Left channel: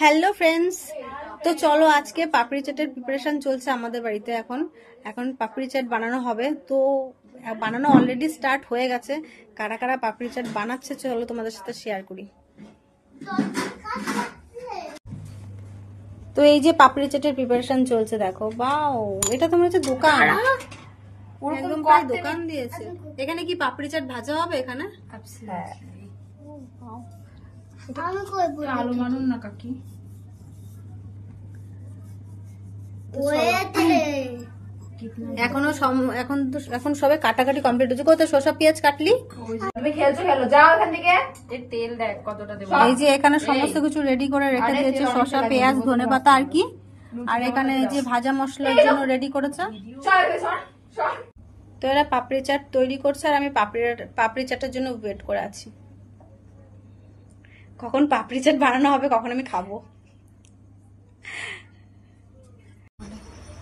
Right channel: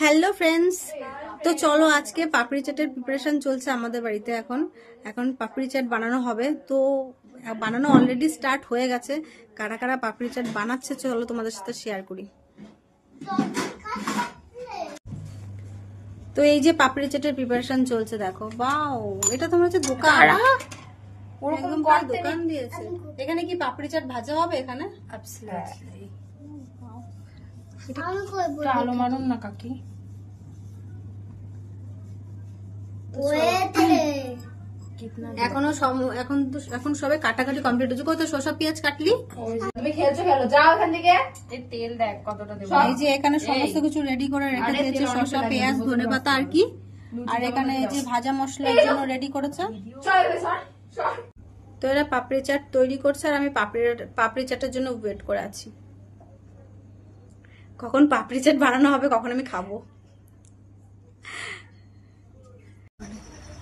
Hello friends, তো চলো আজকে পাপড়ি চাটের প্রিপারেশন চলছে আমাদের বাড়িতে। এখন পাপড়ি চাট বানানো হবে। তো বানানো অলরেডি স্টার্ট হয়ে গেছে। কারা কারা পাপড়ি চাট বানাচ্ছে চলো তোমাদের সাথে শেয়ার করি। তো এই যে পাপড়ি চাটের প্রিপারেশন চলছে, দেখো। বাও, এটা তো মনে হচ্ছে দোকান, ওরকম দোকান দিয়েছে। এখানে কি পাপড়ি চাট ভাজা হবে? এখানে আলো মানুন না কাকি। এখন সবে কাটাকাটি কমপ্লিট হচ্ছে। কত শসা পেঁয়াজ কাটলি? খেলো যাও এখান থেকে। তেল দেখ কতটা দেব। এই যে এখানে সমস্ত কিছু রেডি করে রেখে দিয়েছে, শসা পেঁয়াজ ধনেপাতা আর কি। আর এখানে এই যে ভাজা মশলার জন্য রেডি করেছে। তো এরা পাপড়ি চাট তৈরি করছে আর আমি পাপড়ি চাটের জন্য ওয়েট করে আছি। কখন পাপড়ি চাট বানানো হবে, কখন আমি খাবো।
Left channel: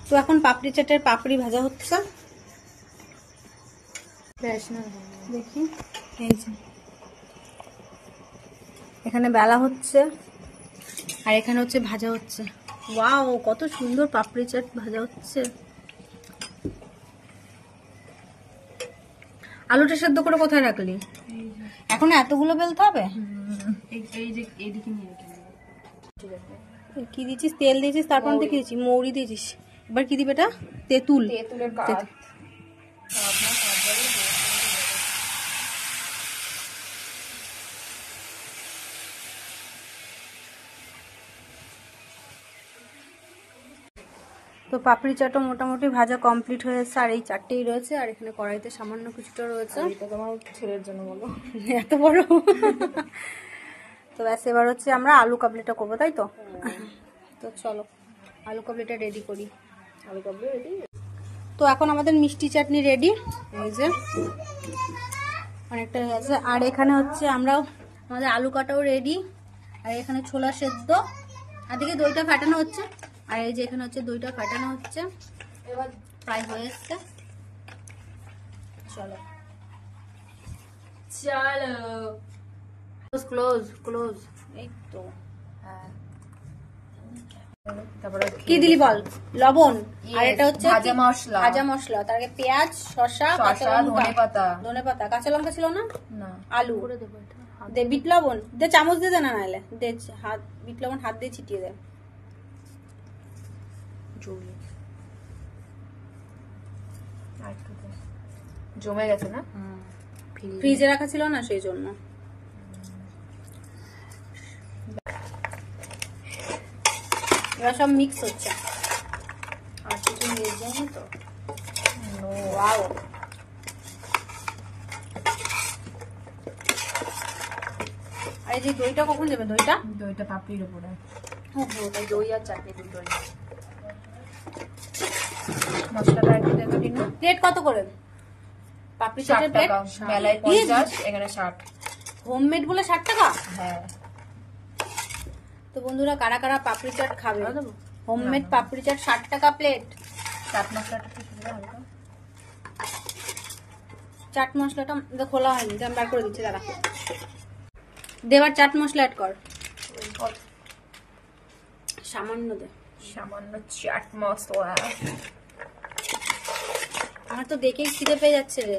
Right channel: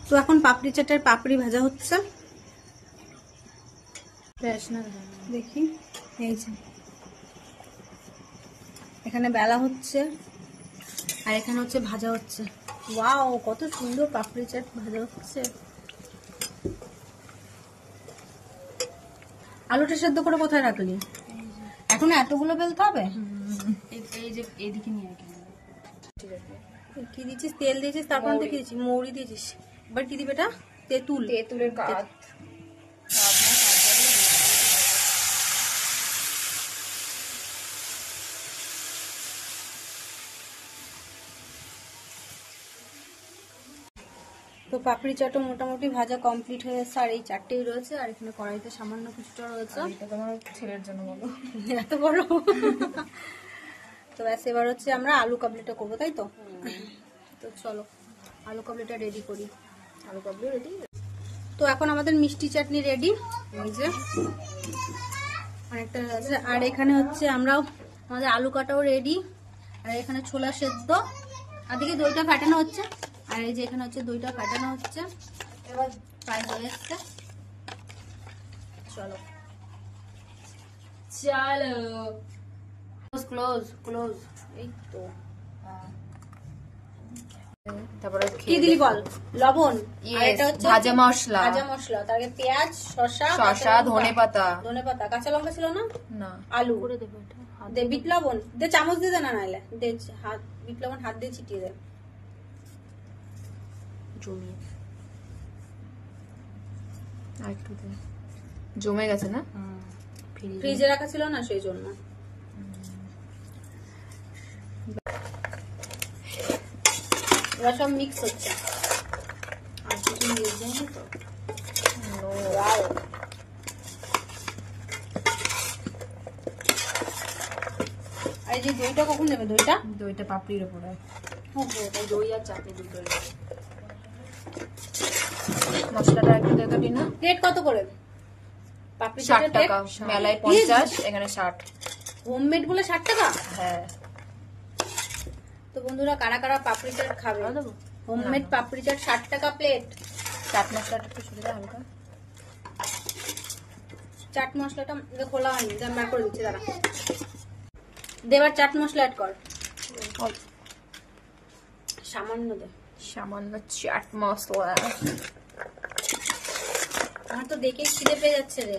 তো এখন পাপড়ি চাটের পাপড়ি ভাজা হচ্ছে। দেখি, এই যে এখানে বেলা হচ্ছে আর এখানে হচ্ছে ভাজা হচ্ছে। ওয়াও, কত সুন্দর পাপড়ি চাট ভাজা হচ্ছে। আলুটা সেদ্ধ করে কোথায় রাখলি? এখন এতগুলো বেলতে হবে? এই যে এইদিকে নিয়ে কি দিয়েছিস? তেল দিয়েছিস, তারপর দিয়েছি মৌরি দিয়েছিস। এবার কি দিবে এটা? তেঁতুলের কাঠ। তো পাপড়ি চাটও মোটামুটি ভাজা কমপ্লিট হয়েছে আর এই চারটেই রয়েছে। আর এখানে কড়াইতে সামান্য কিছুটা রয়েছে। এটা তোমার ছেলের জন্য বলো, এত বড়। তো ব্যাস, এবার হচ্ছে আমরা আলু কাবলিটা করবো, তাই তো? তো চলো আলু কাবলিটা রেডি করি। আলু কাবলি রেডি। তো এখন আমাদের মিষ্টি চাটনি রেডি। এই যে অনেকটা আছে। আর এখানে হচ্ছে আমাদের আলু কাটাও রেডি। আর এখানে ছোলা সেদ্ধ, আর দিকে দইটা ফাটানো হচ্ছে। আর এই যে এখানে হচ্ছে দইটা ফাটানো হচ্ছে। এবার প্রায় হয়ে এসছে। চলো ক্লোজ ক্লোজ। এই তো তারপরে কি দিলি বল? লবণ, আর এটা হচ্ছে ভাজা মশলা। তার আগে পেঁয়াজ, শসা, ধনেপাতা, কাঁচা লঙ্কা ছিল না? আলু করে দেবো। এটা দে, বিট লবণ দে, চামচ দিয়ে দে না, নাহলে দে হাত, বিট লবণ হাত দিয়ে ছিটিয়ে দে। জমে গেছে না? ফ্রিজে রাখা ছিল না, সেই জন্য। এবার সব মিক্স হচ্ছে। আর কিছু মিক্স যায়নি তো। ওয়াও, আর এই যে দইটা কখন দেবে? দইটা পাপড়ির উপরে। দই আর চাটনি দুটোই। মশলাটা একটু দেখে দিন। রেট কত করে? পাপড়ি চাটের রেট মেলায় 50, এখানে 60। হোমমেড বলে 60 টাকা? হ্যাঁ। তো বন্ধুরা, কারা কারা পাপড়ি চাট খাবে? হোমমেড পাপড়ি চাট 60 টাকা প্লেট। চাট মশলাটা একটু সুবিধা হবে। চাট মশলাটা খোলা হয়নি, আমি বার করে দিচ্ছি। দাঁড়া, দেবার চাট মশলা অ্যাড কর। সামান্য দে, সামান্য চাট মশলা। আমার তো দেখে খিদে পেয়ে যাচ্ছে রে।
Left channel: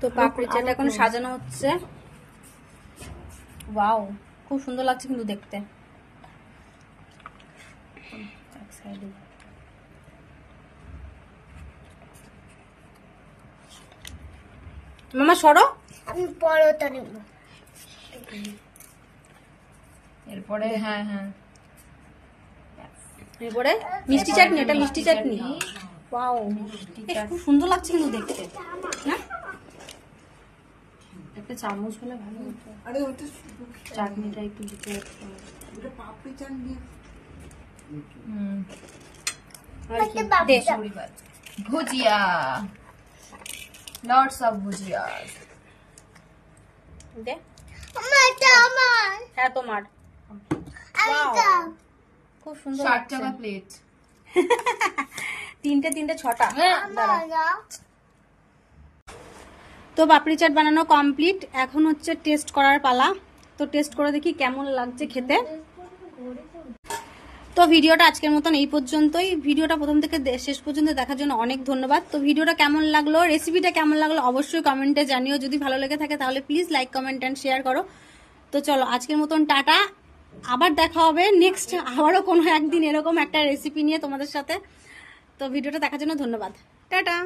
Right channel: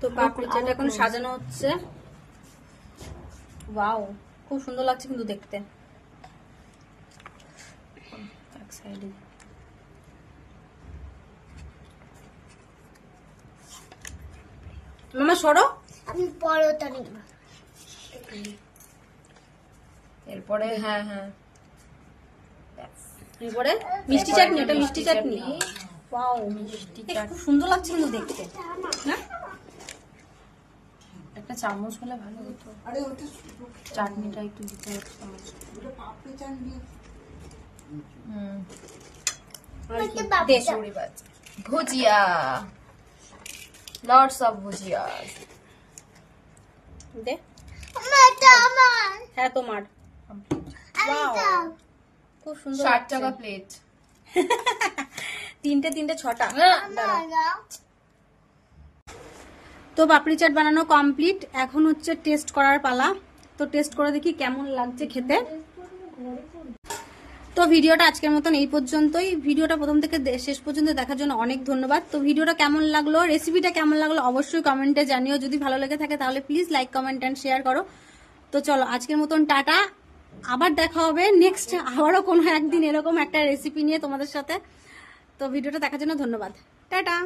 তো পাপড়ি চাট এখন সাজানো হচ্ছে। ওয়াও, খুব সুন্দর লাগছে কিন্তু দেখতে। মামা সরো, আমি পরোটা নেব। এরপরে এরপরে মিষ্টি চাটনি। এটা মিষ্টি চাটনি। ওয়াও, মিষ্টি চাট খুব সুন্দর লাগছে কিন্তু দেখতে না? একটা চামচ হলে ভালো হতো। আরে ওটা চাটনিটা একটু দিতে হতো। ওটা পাপড়ি চাটনি। ভুজিয়া, লটস অফ ভুজিয়া। হ্যাঁ তোমার। খুব সুন্দর। 60 টাকা প্লেট। তিনটে 6টা। তো পাপড়ি চাট বানানো কমপ্লিট, এখন হচ্ছে টেস্ট করার পালা। তো টেস্ট করে দেখি কেমন লাগছে খেতে। তো ভিডিওটা আজকের মতন এই পর্যন্তই। ভিডিওটা প্রথম থেকে শেষ পর্যন্ত দেখার জন্য অনেক ধন্যবাদ। তো ভিডিওটা কেমন লাগলো, রেসিপিটা কেমন লাগলো অবশ্যই কমেন্টে জানিও। যদি ভালো লেগে থাকে তাহলে please like, comment and share করো। তো চলো আজকের মতন টাটা, আবার দেখা হবে নেক্সট আবারও কোনো একদিন এরকম একটা রেসিপি নিয়ে তোমাদের সাথে। তো ভিডিওটা দেখার জন্য ধন্যবাদ, টাটা।